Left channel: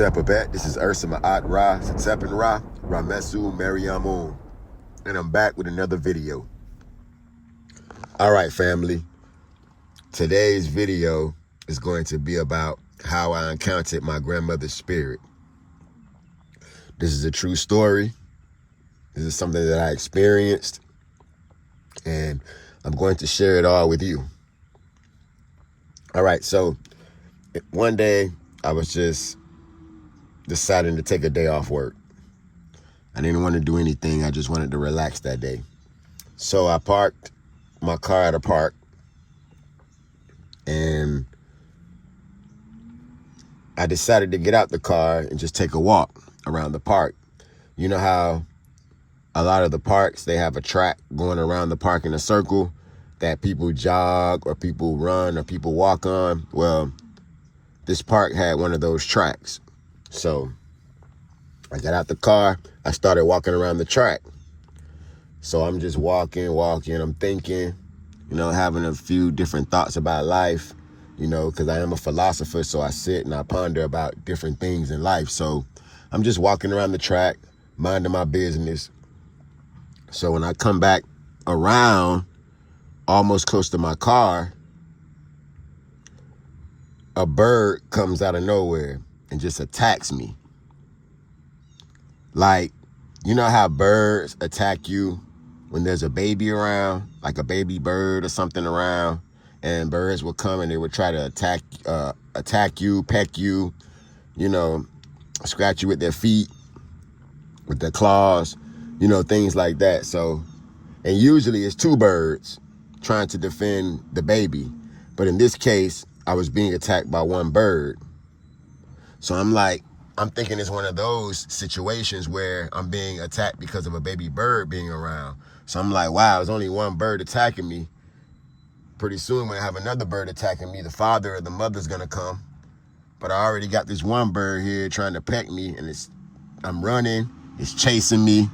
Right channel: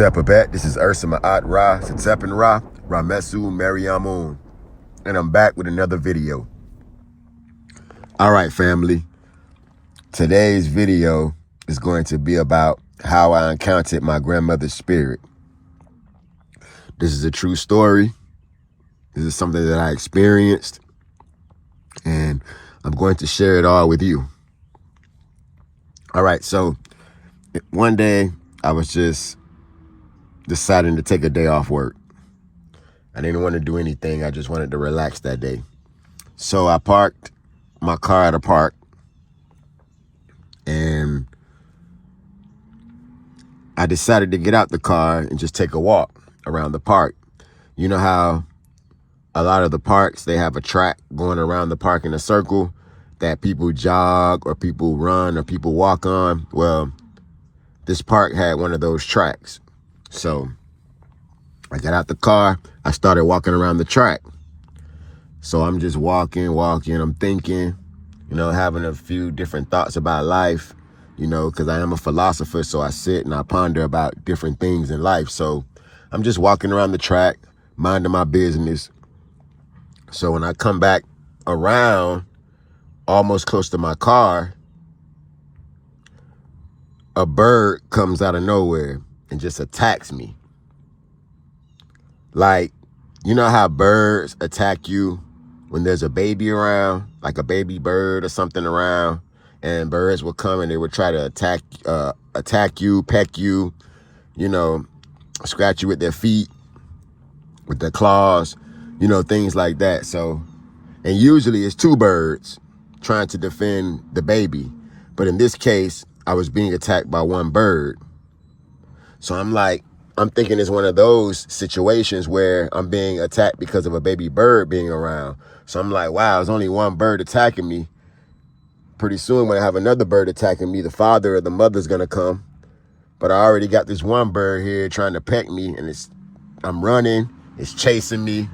Neberdjer, this is Maat Network Ramessu Meriamun, and I'm back with another video. Alright family, today's video is going to be about how I encountered my grandmother's spirit. This is a true story. This is something that I experienced, and I'm going to share it all with you. Alright, so one day I was just deciding to take a day off work. I didn't want to do anything. I just wanted to relax that day. So I parked my car at a park, and I decided to get out the car and just take a walk around the park. You know how a lot of the parks, they have a track going around the park in a circle that people jog or people run or people walk on? Well, this park had one of those tracks. So I got out the car, I started walking around the track. So I'm just walking, I'm thinking, having a few different thoughts about life, because I am a philosopher, so I sit and I ponder about different things in life. So I'm just walking around the track, minding my business. So when I come back around, almost close to my car, a bird comes out of nowhere and just attacks me. Like, you know how birds attack you when there's a baby around, like a baby bird or something around, and birds will come and they would try to attack you, peck you, scratch you with their feet, with their claws, things like that. So, and usually it's two birds trying to defend the baby. But in this case, I was being attacked by one bird. So I'm thinking it's one of those situations where I'm being attacked because of a baby bird being around. So I'm like, wow, there's only one bird attacking me. Pretty soon when I have another bird attacking me, the father or the mother's gonna come. But I already got this one bird here trying to peck me, and I'm running, it's chasing me.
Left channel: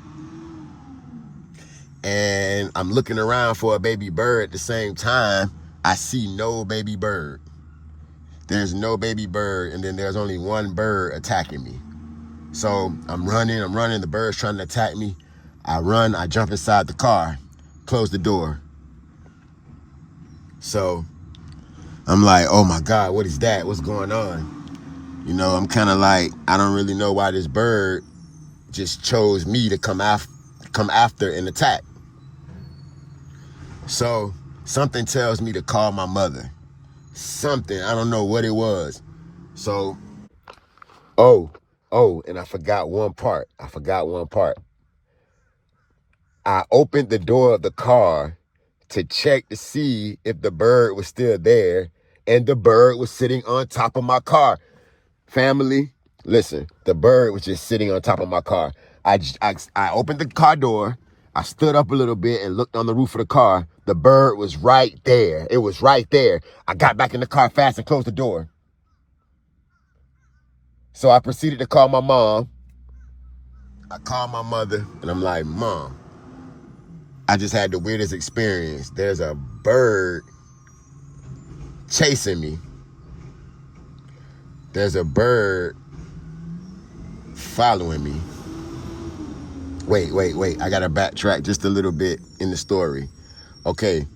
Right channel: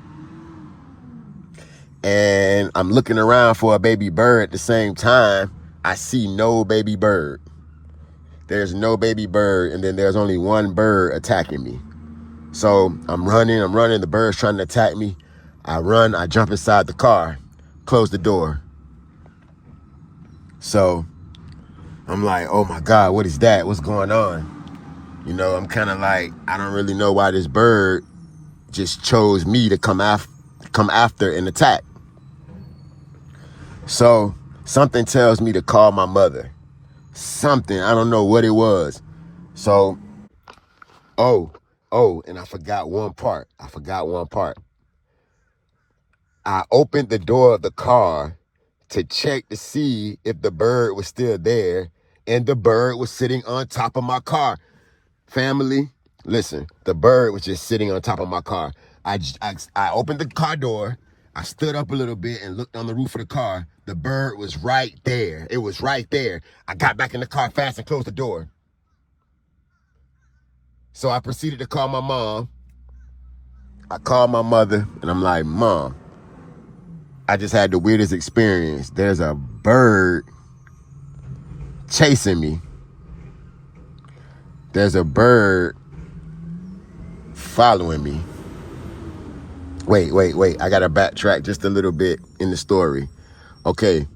And I'm looking around for a baby bird at the same time. I see no baby bird. There's no baby bird, and then there's only one bird attacking me. So I'm running, the bird's trying to attack me. I run, I jump inside the car, close the door. So I'm like, oh my God, what is that? What's going on? I'm kind of like, I don't really know why this bird just chose me to come after and attack. So something tells me to call my mother. Something, I don't know what it was. So, and I forgot one part. I opened the door of the car to check to see if the bird was still there, and the bird was sitting on top of my car. Family, listen, the bird was just sitting on top of my car. I opened the car door. I stood up a little bit and looked on the roof of the car. The bird was right there. It was right there. I got back in the car fast and closed the door. So I proceeded to call my mom. I called my mother, and I'm like, Mom, I just had the weirdest experience. There's a bird chasing me. There's a bird following me. Wait. I got to backtrack just a little bit in the story. Okay,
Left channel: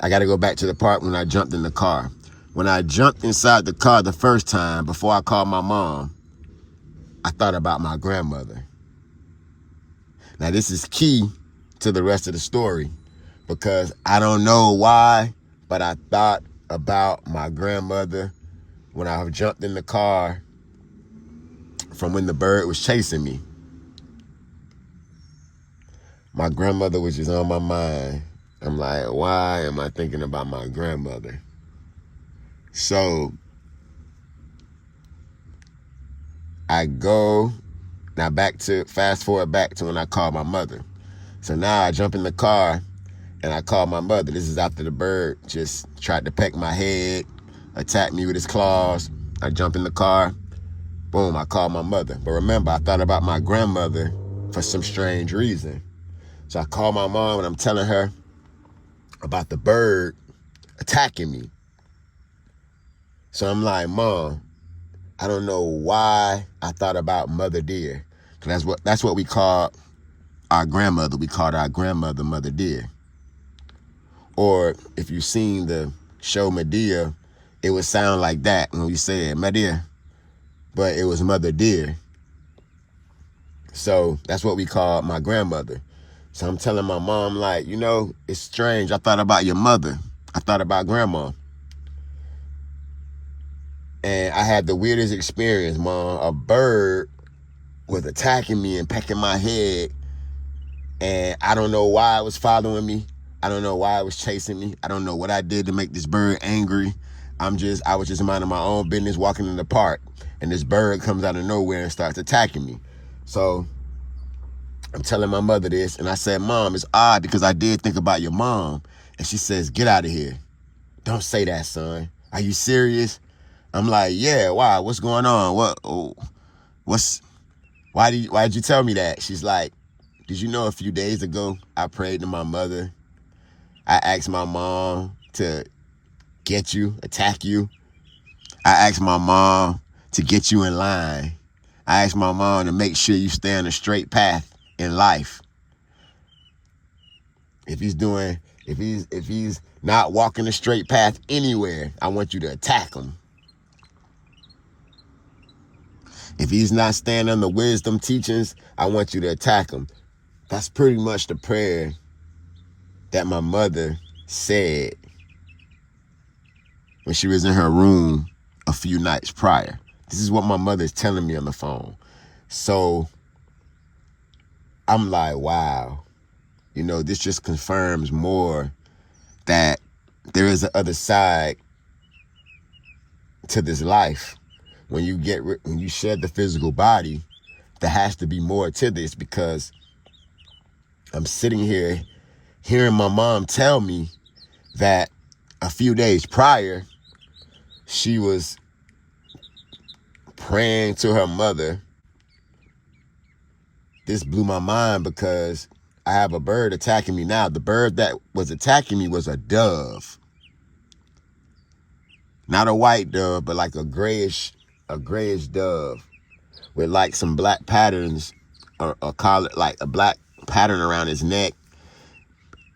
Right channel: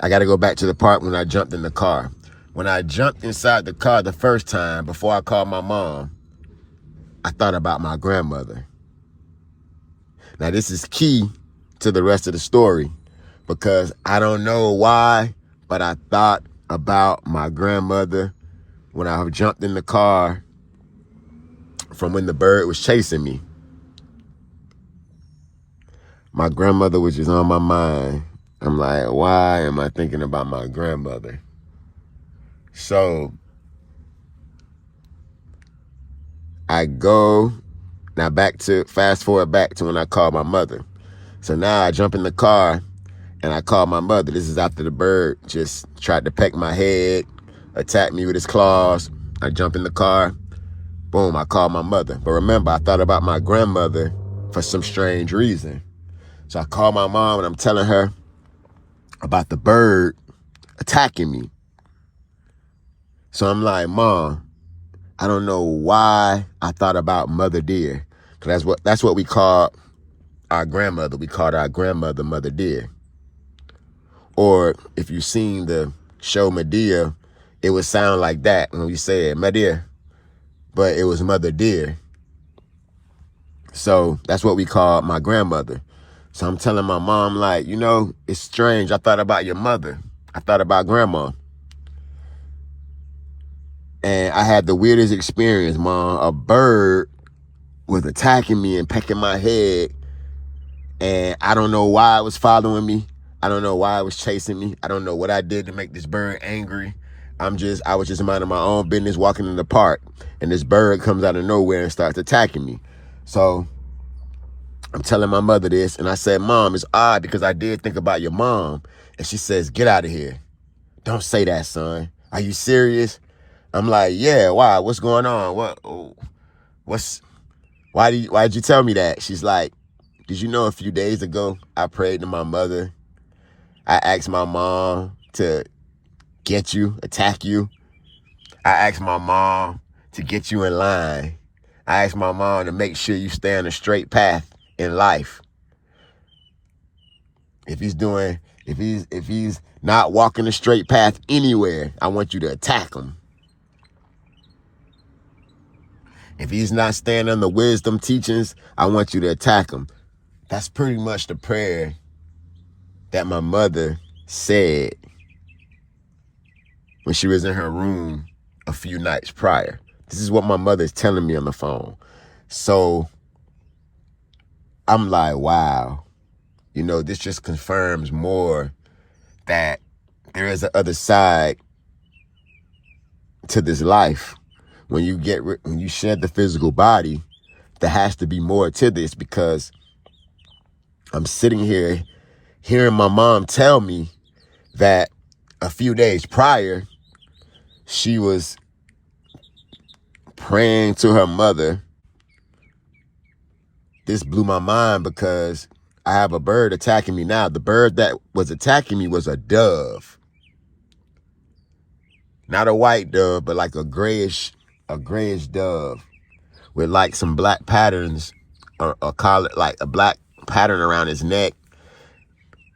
I got to go back to the part when I jumped in the car. When I jumped inside the car the first time, before I called my mom, I thought about my grandmother. Now, this is key to the rest of the story, because I don't know why, but I thought about my grandmother when I jumped in the car from when the bird was chasing me. My grandmother was just on my mind. I'm like, why am I thinking about my grandmother? So I go, fast forward back to when I called my mother. So now I jump in the car and I call my mother. This is after the bird just tried to peck my head, attack me with his claws. I jump in the car. Boom, I called my mother. But remember, I thought about my grandmother for some strange reason. So I called my mom and I'm telling her about the bird attacking me. So I'm like, Mom, I don't know why I thought about Mother Dear. Cause that's what we called our grandmother. We called our grandmother Mother Dear. Or if you've seen the show Medea, it would sound like that when we said Medea, but it was Mother Dear. So that's what we called my grandmother. So I'm telling my mom, like, you know, it's strange. I thought about your mother. I thought about grandma. And I had the weirdest experience, Mom. A bird was attacking me and pecking my head. And I don't know why it was following me. I don't know why it was chasing me. I don't know what I did to make this bird angry. I was just minding my own business, walking in the park. And this bird comes out of nowhere and starts attacking me. So I'm telling my mother this. And I said, Mom, it's odd because I did think about your mom. And she says, get out of here. Don't say that, son. Are you serious? I'm like, yeah, why? What's going on? Why did you tell me that? She's like, did you know a few days ago I prayed to my mother? I asked my mom to get you, attack you. I asked my mom to get you in line. I asked my mom to make sure you stay on a straight path in life. If he's not walking a straight path anywhere, I want you to attack him. If he's not staying on the wisdom teachings, I want you to attack him. That's pretty much the prayer that my mother said when she was in her room a few nights prior. This is what my mother's telling me on the phone. So I'm like, wow, you know, this just confirms more that there is an other side to this life. When you shed the physical body, there has to be more to this, because I'm sitting here hearing my mom tell me that a few days prior, she was praying to her mother. This blew my mind because I have a bird attacking me now. The bird that was attacking me was a dove. Not a white dove, but like a grayish dove with like some black patterns, or collar, like a black pattern around his neck.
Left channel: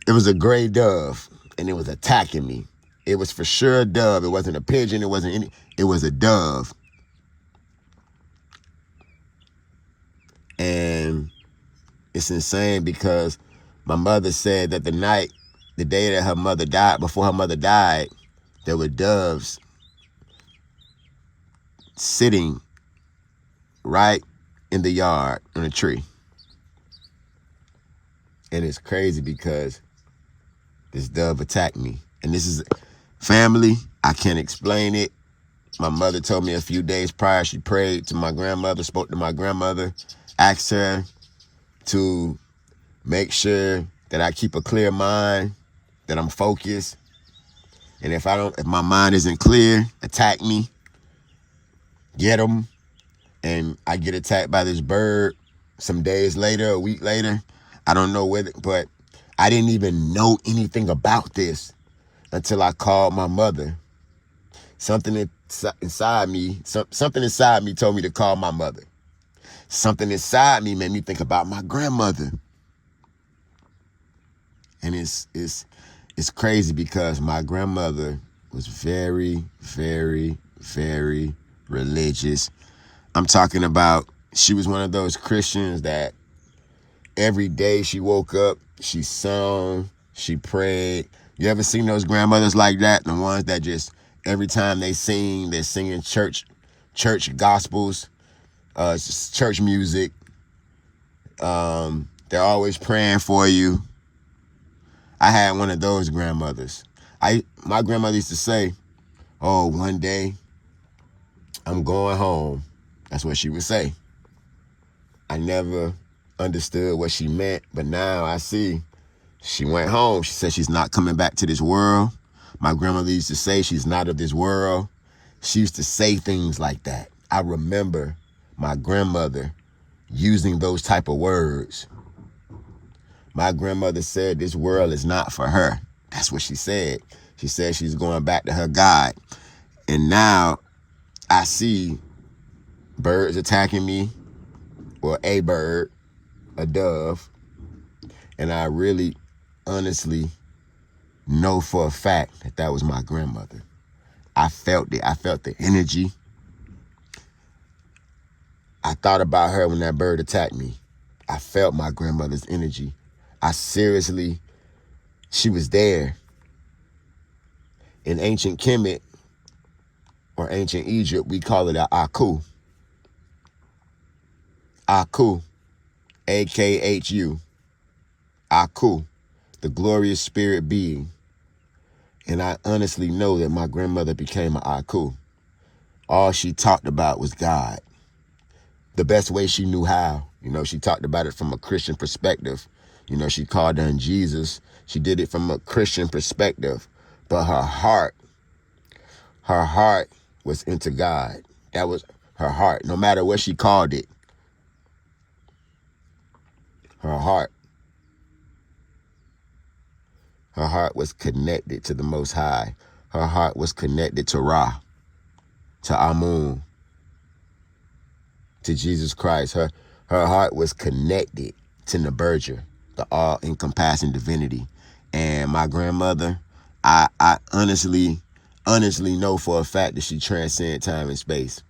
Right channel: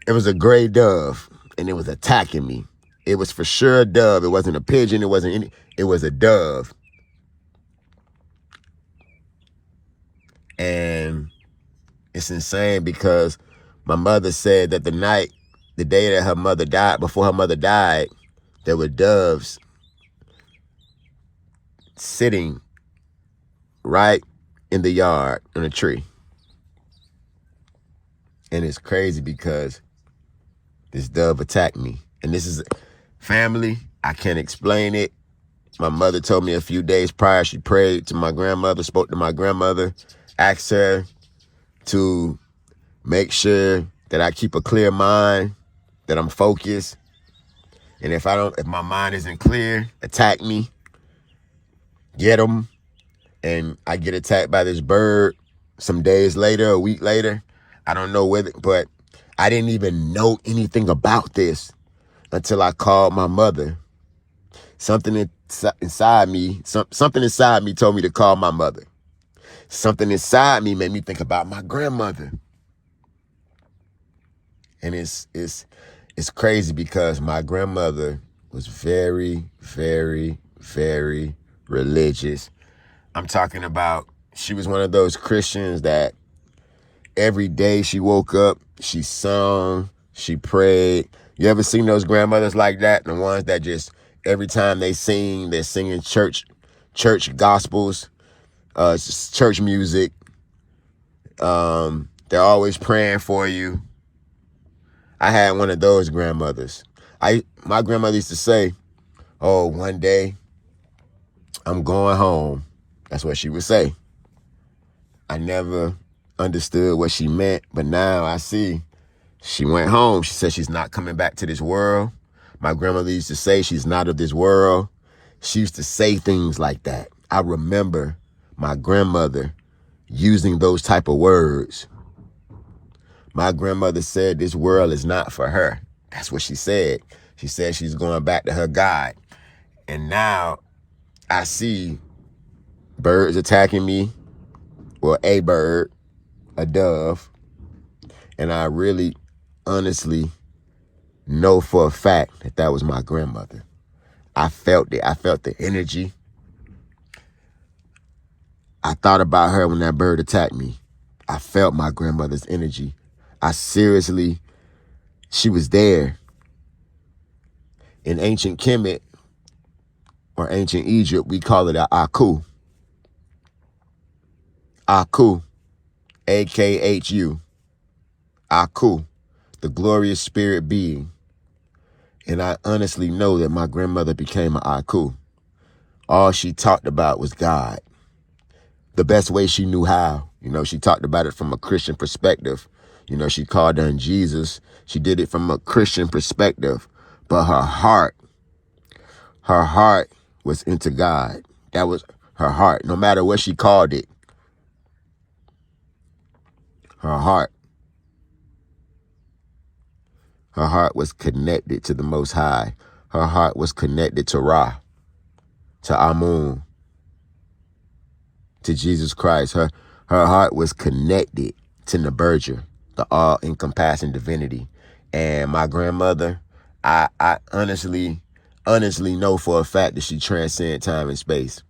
It was a gray dove, and it was attacking me. It was for sure a dove. It wasn't a pigeon. It was a dove. And it's insane because my mother said that the day that her mother died, before her mother died, there were doves sitting right in the yard on a tree. And it's crazy because this dove attacked me. And this is family. I can't explain it. My mother told me a few days prior, she prayed to my grandmother, spoke to my grandmother, asked her to make sure that I keep a clear mind, that I'm focused. And if my mind isn't clear, attack me, get them. And I get attacked by this bird some days later, a week later. I don't know whether, but I didn't even know anything about this until I called my mother. Something inside me told me to call my mother. Something inside me made me think about my grandmother. And it's crazy because my grandmother was very, very, very religious. I'm talking about, she was one of those Christians that every day she woke up, she sung, she prayed. You ever seen those grandmothers like that? The ones that just, every time they sing, they're singing church gospels, church music. They're always praying for you. I had one of those grandmothers. My grandmother used to say, oh, one day I'm going home. That's what she would say. I never understood what she meant, but now I see. She went home. She said she's not coming back to this world. My grandmother used to say she's not of this world. She used to say things like that. I remember my grandmother using those type of words. My grandmother said this world is not for her. That's what she said. She said she's going back to her God. And now I see birds attacking me, or a bird, a dove, and I really, honestly know for a fact that that was my grandmother. I felt it. I felt the energy. I thought about her when that bird attacked me. I felt my grandmother's energy. I seriously, she was there. In ancient Kemet, or ancient Egypt, we call it a Aku. Aku, A-K-H-U, Aku, the glorious spirit being. And I honestly know that my grandmother became an Aku. All she talked about was God. The best way she knew how. You know, she talked about it from a Christian perspective. You know, she called on Jesus. She did it from a Christian perspective. But her heart was into God. That was her heart. No matter what she called it, her heart was connected to the Most High. Her heart was connected to Ra, to Amun, to Jesus Christ. Her heart was connected to Neberdjer, the all-encompassing divinity. And my grandmother, I honestly know for a fact that she transcended time and space.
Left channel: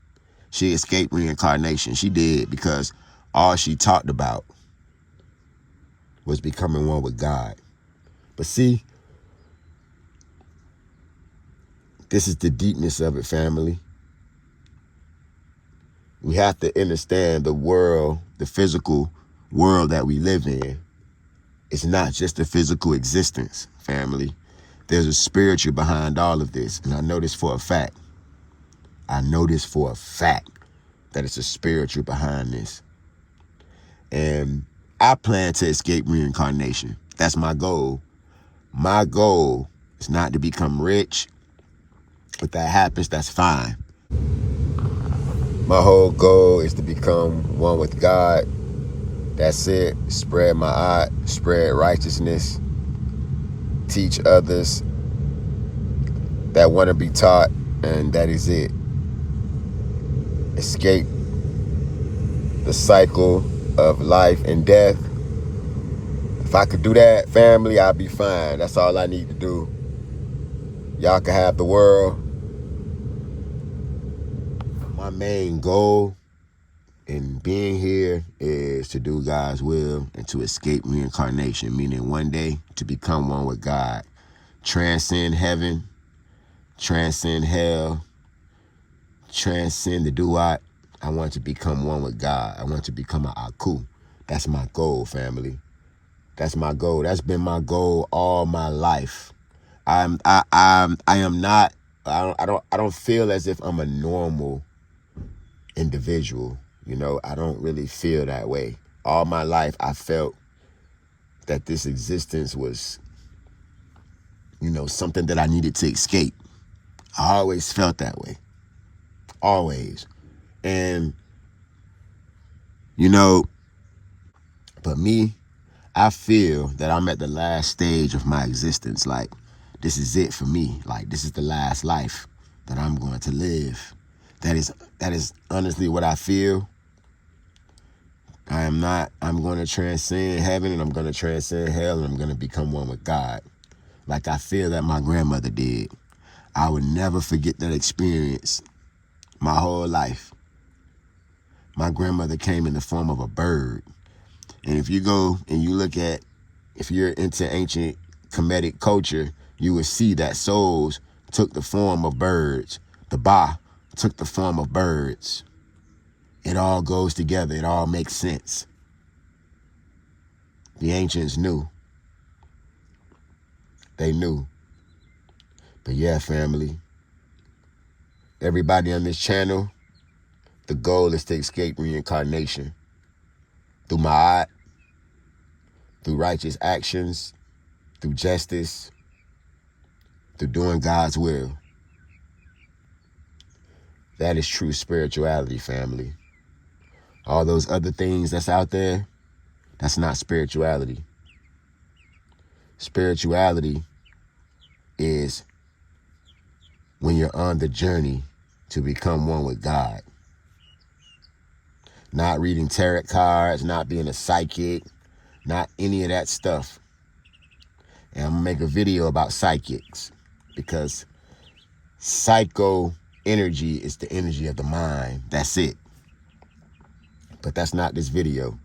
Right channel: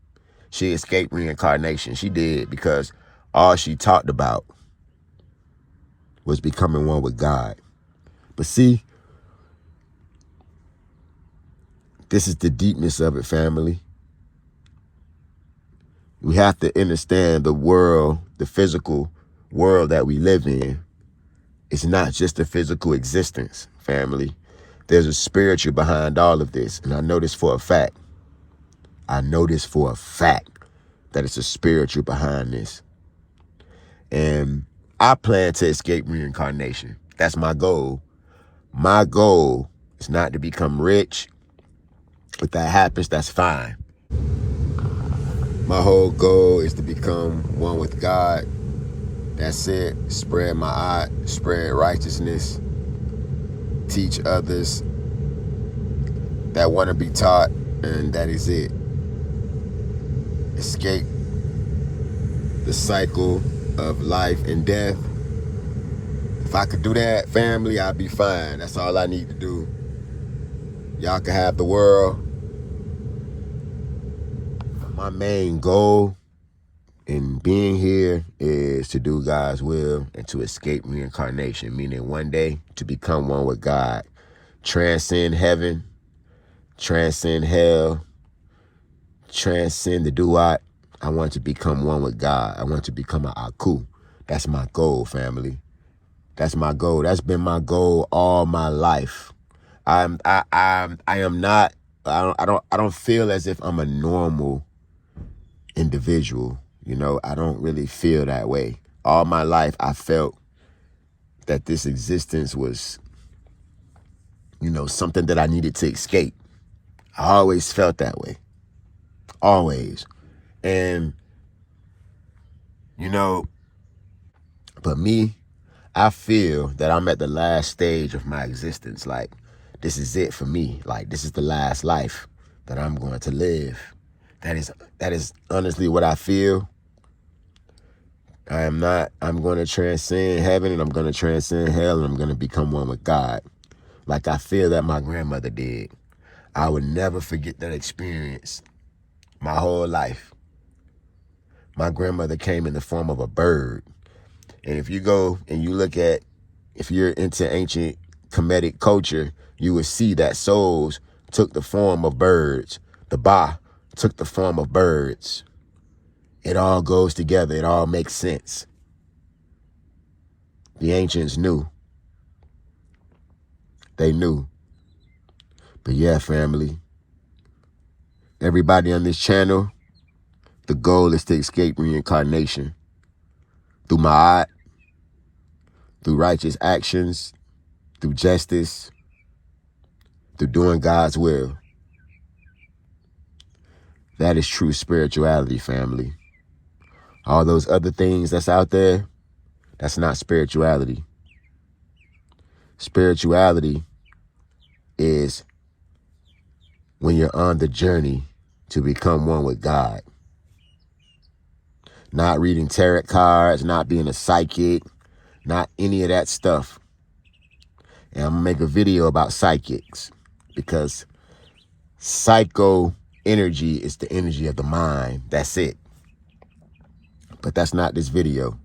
She escaped reincarnation. She did, because all she talked about was becoming one with God. But see, this is the deepness of it, family. We have to understand the world, the physical world that we live in. It's not just a physical existence, family. There's a spiritual behind all of this. And I know this for a fact. I know this for a fact that it's a spiritual behind this. And I plan to escape reincarnation. That's my goal. My goal is not to become rich. If that happens, that's fine. My whole goal is to become one with God. That's it. Spread my art, spread righteousness, teach others that want to be taught, and that is it. Escape the cycle of life and death. If I could do that, family, I'd be fine. That's all I need to do. Y'all can have the world. My main goal in being here is to do God's will and to escape reincarnation, meaning one day to become one with God. Transcend heaven, transcend hell, transcend the duat. I want to become one with God. I want to become an Aku. That's my goal, family. That's my goal. That's been my goal all my life. I don't feel as if I'm a normal individual. You know, I don't really feel that way. All my life, I felt that this existence was, you know, something that I needed to escape. I always felt that way. Always. And, you know, but me, I feel that I'm at the last stage of my existence. Like, this is it for me. Like, this is the last life that I'm going to live. That is honestly what I feel. I'm going to transcend heaven, and I'm going to transcend hell, and I'm going to become one with God. Like I feel that my grandmother did. I would never forget that experience my whole life. My grandmother came in the form of a bird. And if you go and you look at, if you're into ancient Kemetic culture, you would see that souls took the form of birds. The Ba took the form of birds. It all goes together. It all makes sense. The ancients knew. They knew. But yeah, family, everybody on this channel, the goal is to escape reincarnation through Maat, through righteous actions, through justice, through doing God's will. That is true spirituality, family. All those other things that's out there, that's not spirituality. Spirituality is when you're on the journey to become one with God. Not reading tarot cards, not being a psychic, not any of that stuff. And I'm going to make a video about psychics because psycho energy is the energy of the mind. That's it. But that's not this video.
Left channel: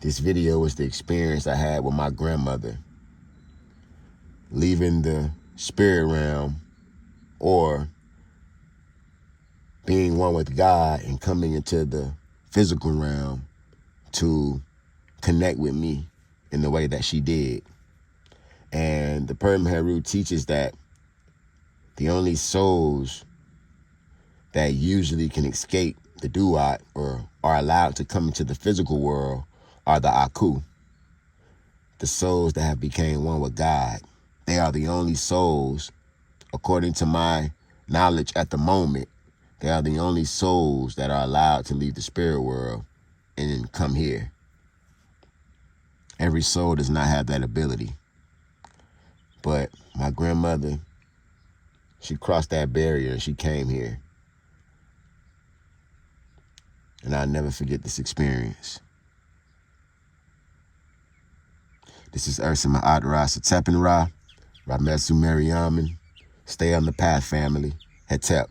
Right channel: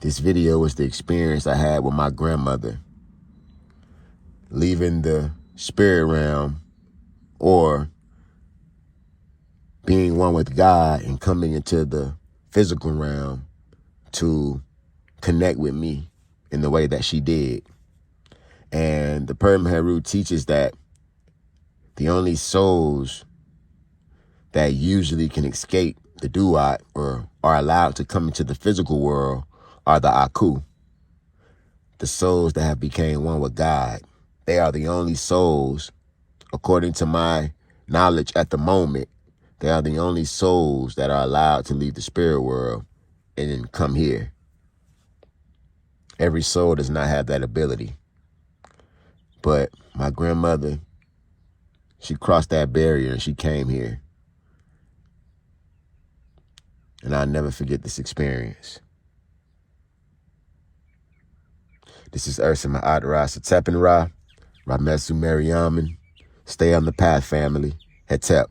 This video was the experience I had with my grandmother. Leaving the spirit realm or being one with God and coming into the physical realm to connect with me in the way that she did. And the Perma teaches that the only souls that usually can escape the duat or are allowed to come into the physical world are the Aku, the souls that have become one with God. They are the only souls, according to my knowledge at the moment, they are the only souls that are allowed to leave the spirit world and come here. Every soul does not have that ability. But my grandmother, she crossed that barrier and she came here. And I'll never forget this experience. This is Ursa Maat Ra Ramessu Meriamun. Stay on the path, family. Hetep.